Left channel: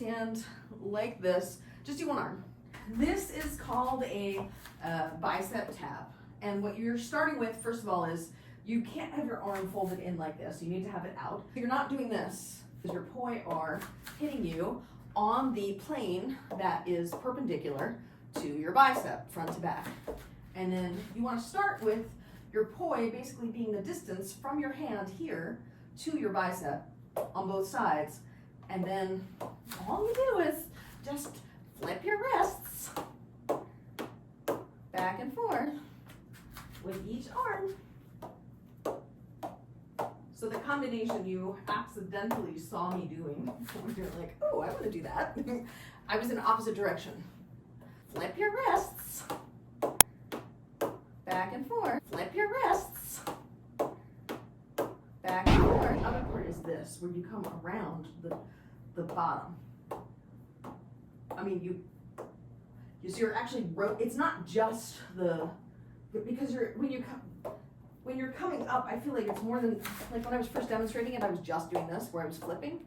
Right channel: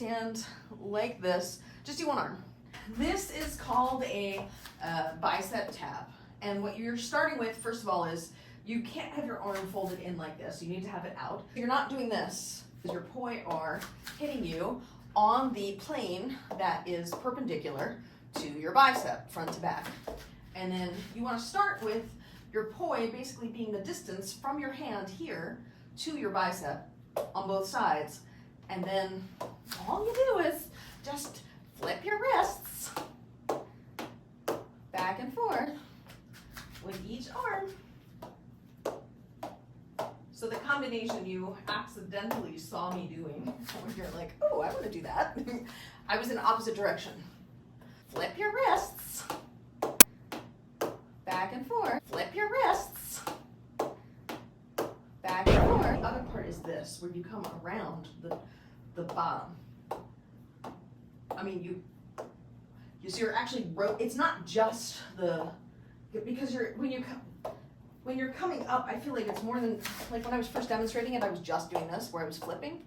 stand like this. Just do one arm. This is called a bicep tab. And what you're starting with, first of all, is you can't have your arm folded in like this. You need to have it out. You're not doing this because your poi are hitting you on the plane that is perpendicular to your bicep, front to back. And then you want to start with your poi basically being the distance from your hand here to your bicep on both sides. And then all you do is just flip your wrists back and forth with each arm. So the combination you accidentally saw me doing, when you're like, oh, I want to do that. I was in the opposite direction. Flip your wrists back and forth. Flip your wrists back and forth. The other part is this, where you come around the bottom. I mean, so you're actually, it's not just because when you're coming up, I feel like it's more than, like when I was first demonstrating it, I was just doing this, where I was flipping,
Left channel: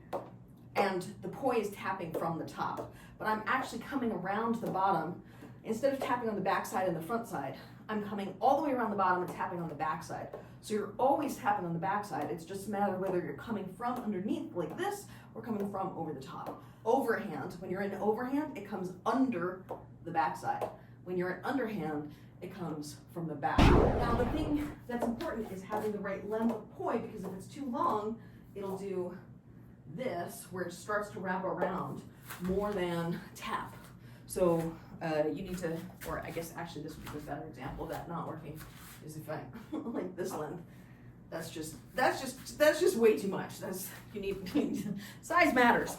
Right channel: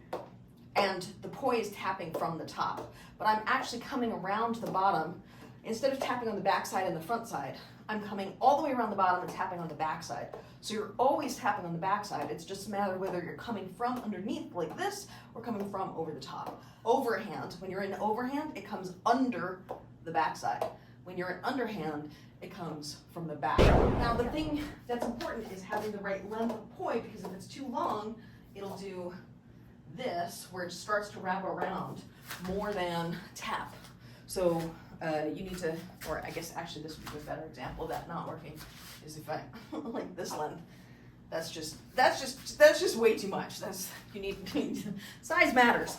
and the poi is tapping from the top. But I'm actually coming around the bottom. Instead of tapping on the back side and the front side, I'm coming all the way around the bottom and tapping on the back side. So you're always tapping on the back side. It's just a matter of whether you're coming from underneath like this or coming from over the top. Overhand, when you're in overhand, it comes under the back side. When you're in underhand, it comes from the back. Now the thing that's important is having the right length of poi, because if it's too long, it'll do this, where it starts to wrap around more than tap. So you need to, or I guess actually this would be a better example of that not working, is if I like this length. That's just way too much. You need size matters.